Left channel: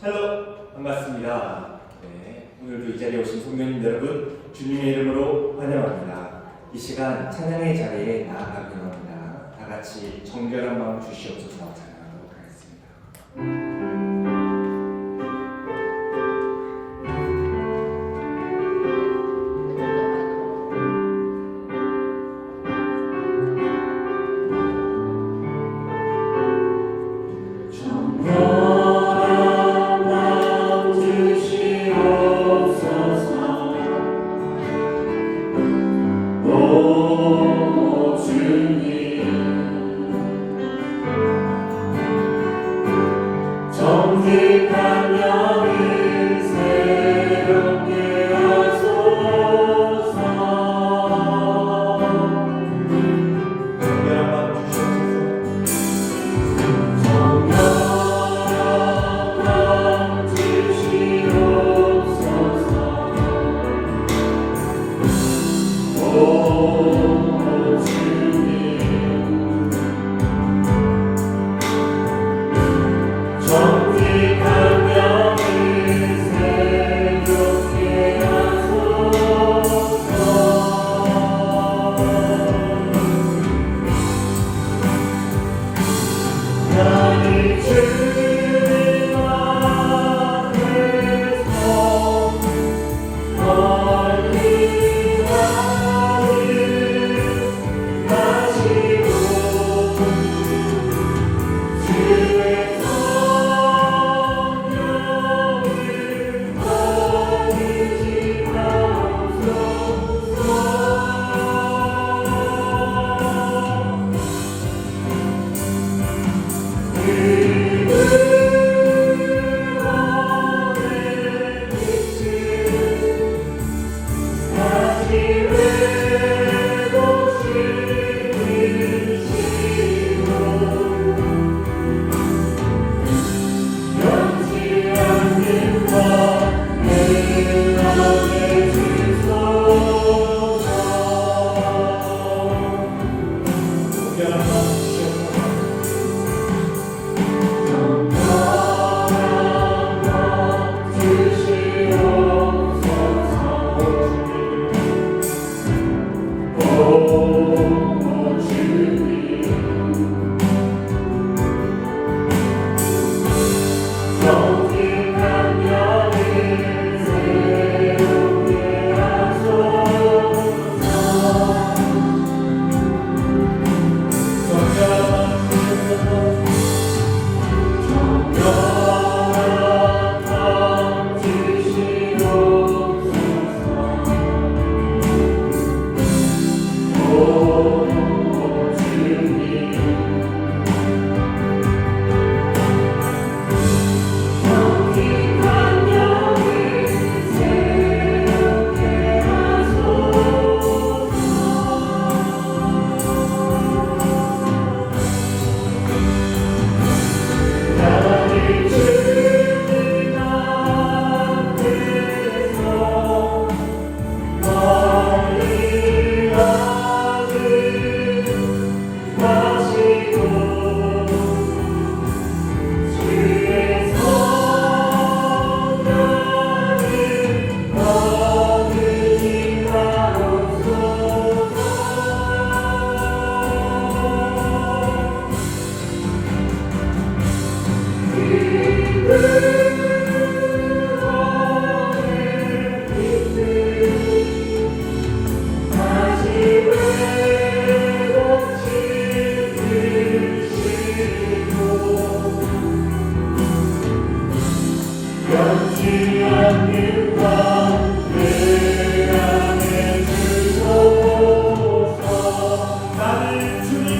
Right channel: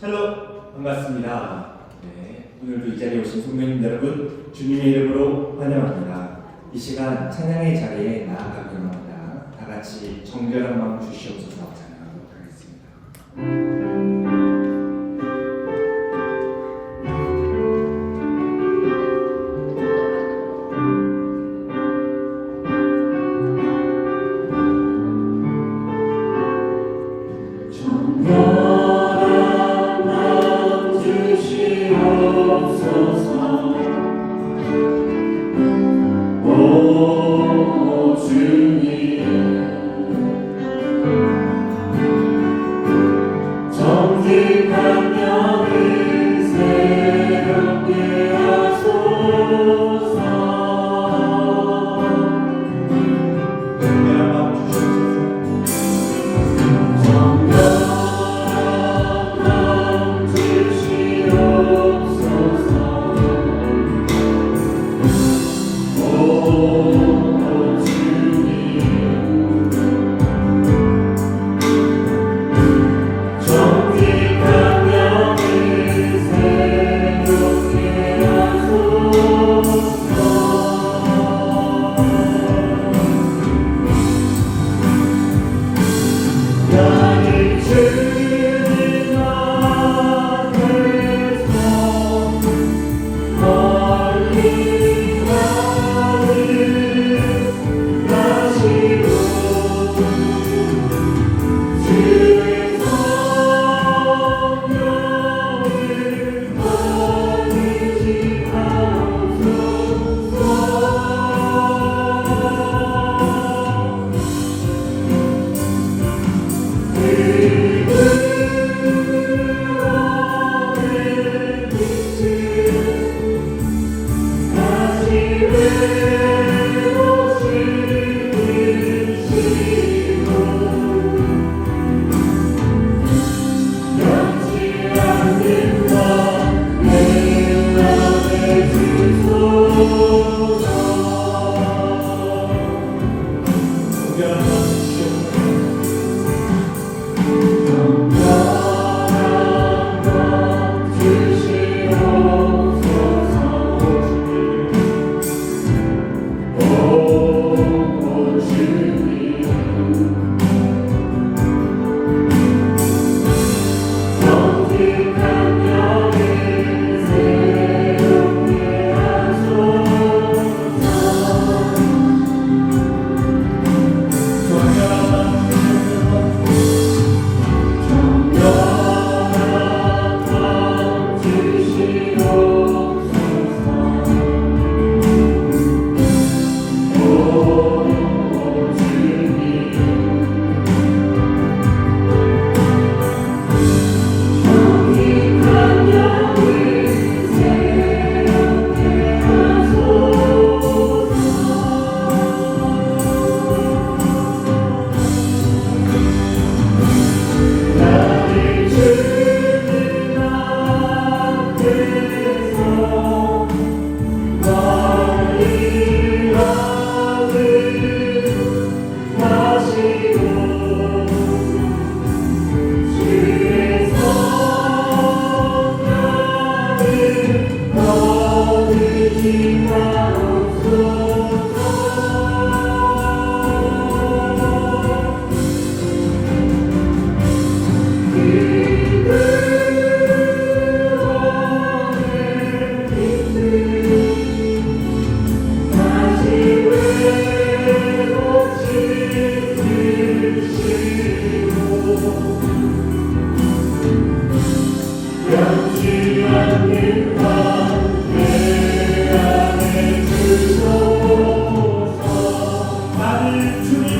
샬롬 반갑습니다. 네, 오늘도 이 자리에 오신 성도님 여러분 주님의 이름으로 환영합니다. 이 시간 찬양의 자리에 나아가기 원합니다. 다 같이 정결한 마음 주시옵소서 찬양하도록 하겠습니다. 정 todos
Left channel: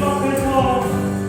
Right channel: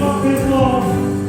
나를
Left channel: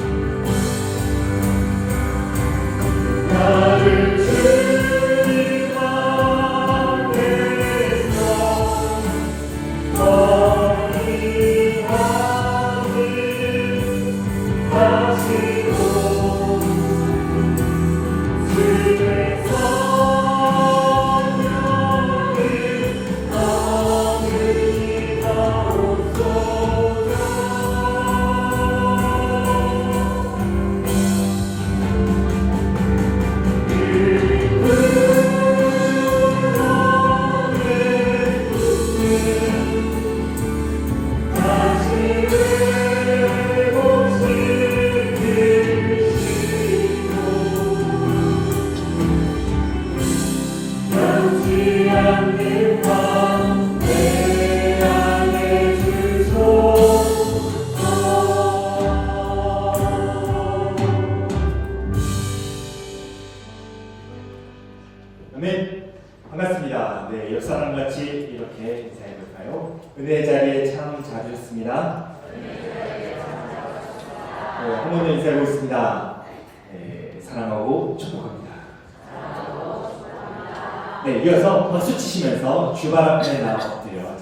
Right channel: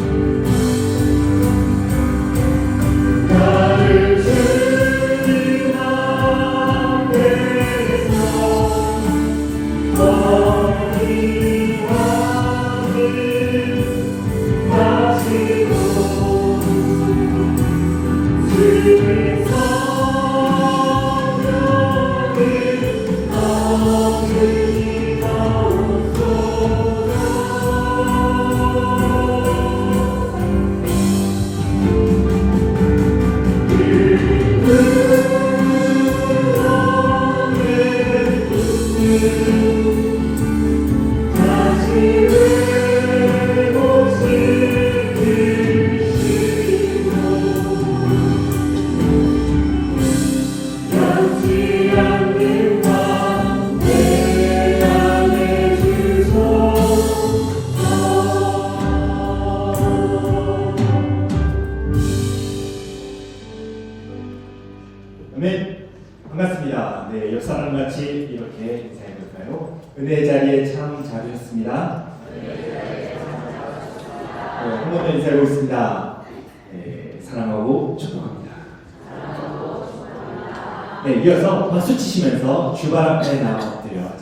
은혜의 자리에 참 잘하셨습니다. 네, 한번 더 인사를 보겠습니다. 네, 사랑하고 축복합니다. 네, 이어서 박수 치시면서 주발 앞에 나와드려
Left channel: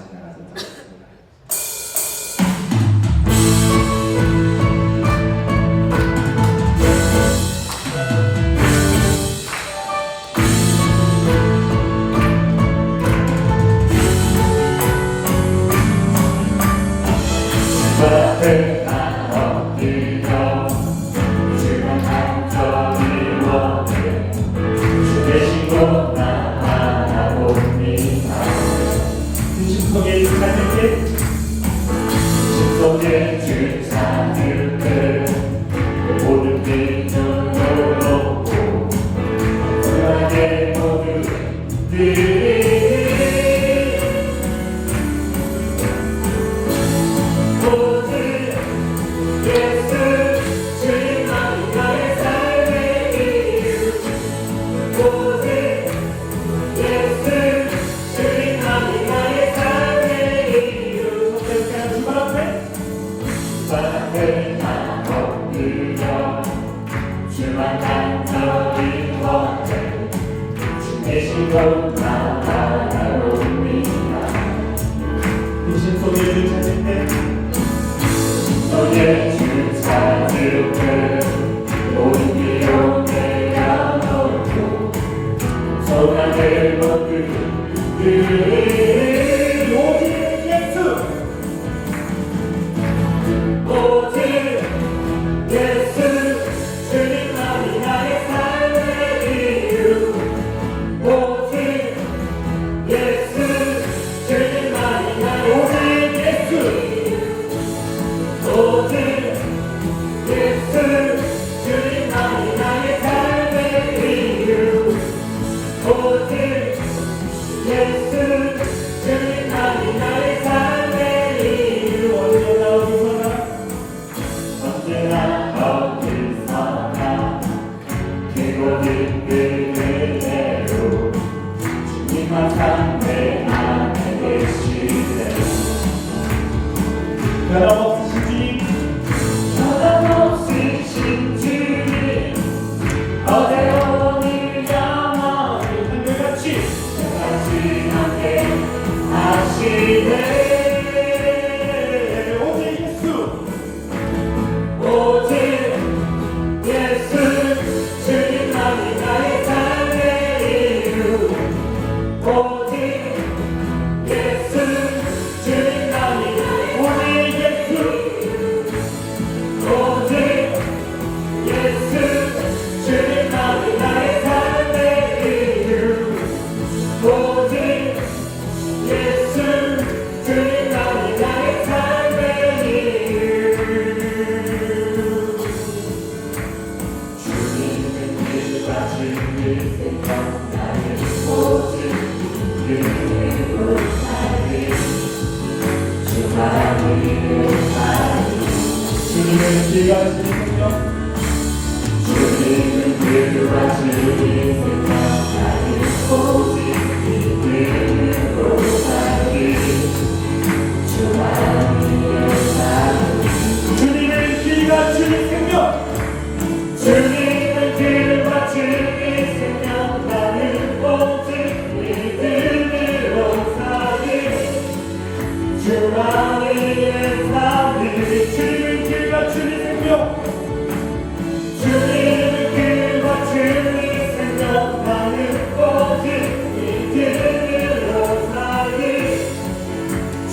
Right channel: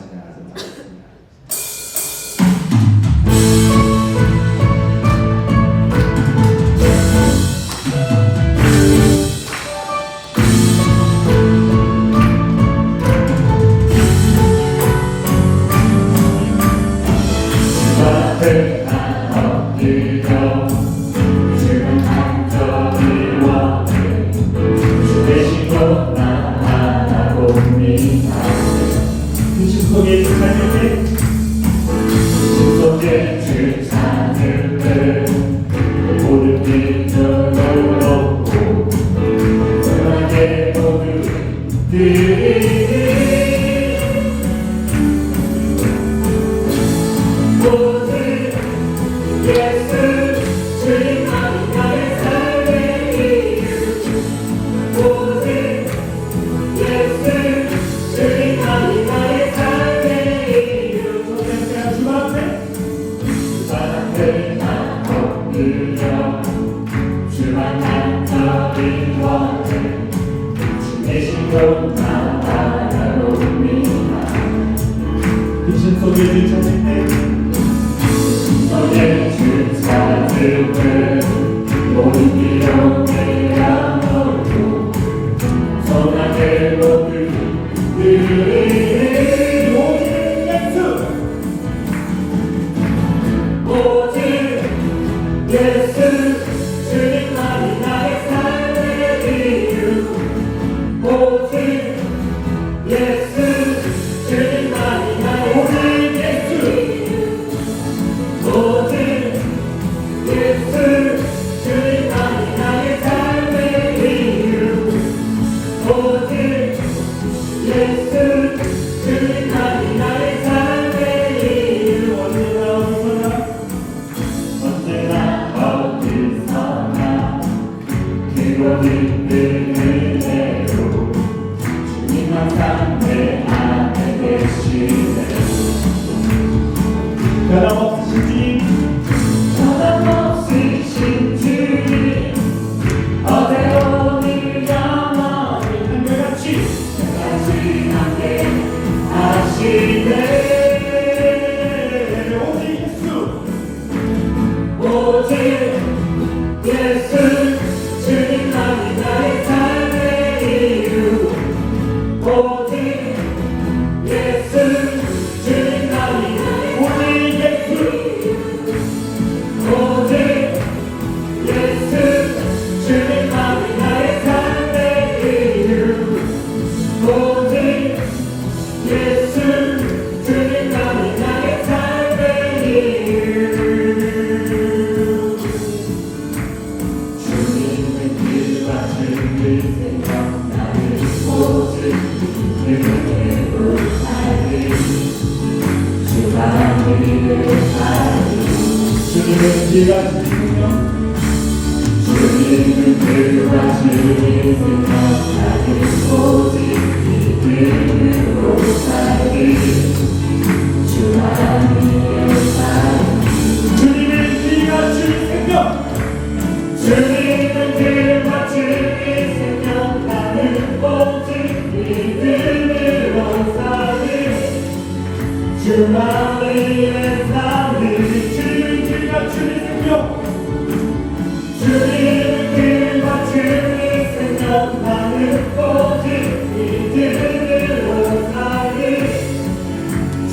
did to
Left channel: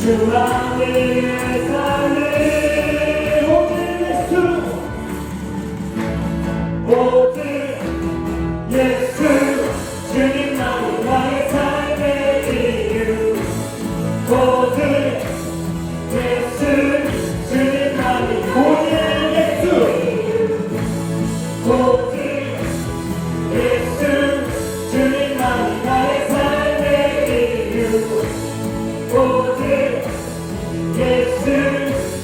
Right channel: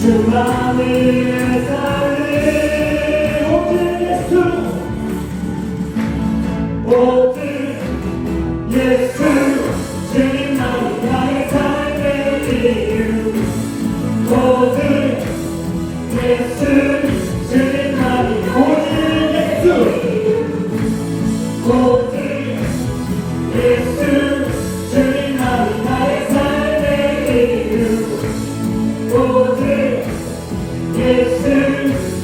수많은 삶의 모든 모든 예수 This is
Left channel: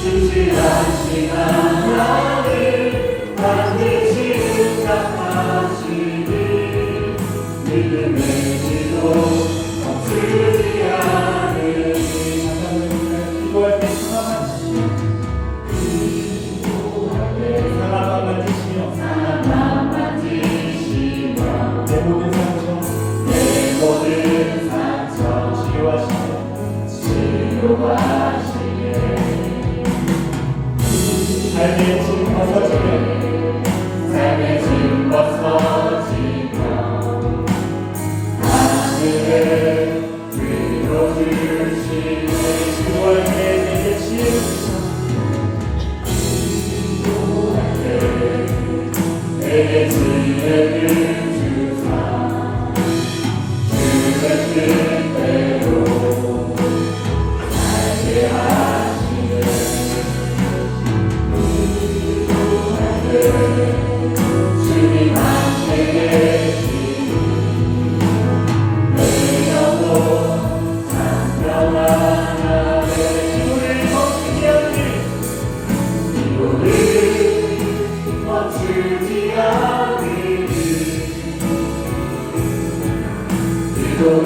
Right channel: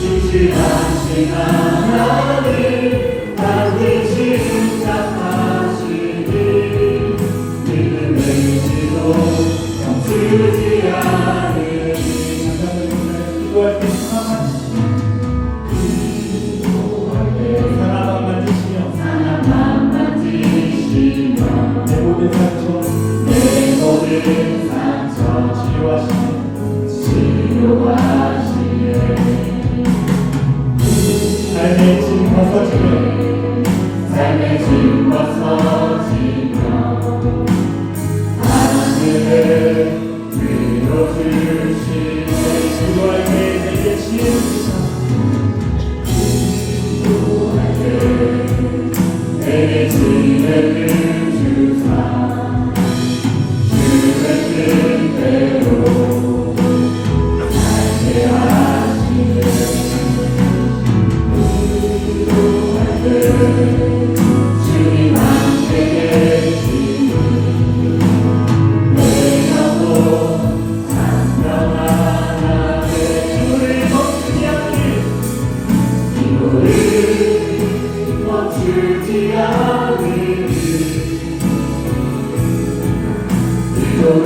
신실하신 하나님 반드시 자아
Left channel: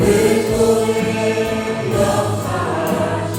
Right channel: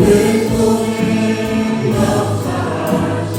내 손에 역사하시니.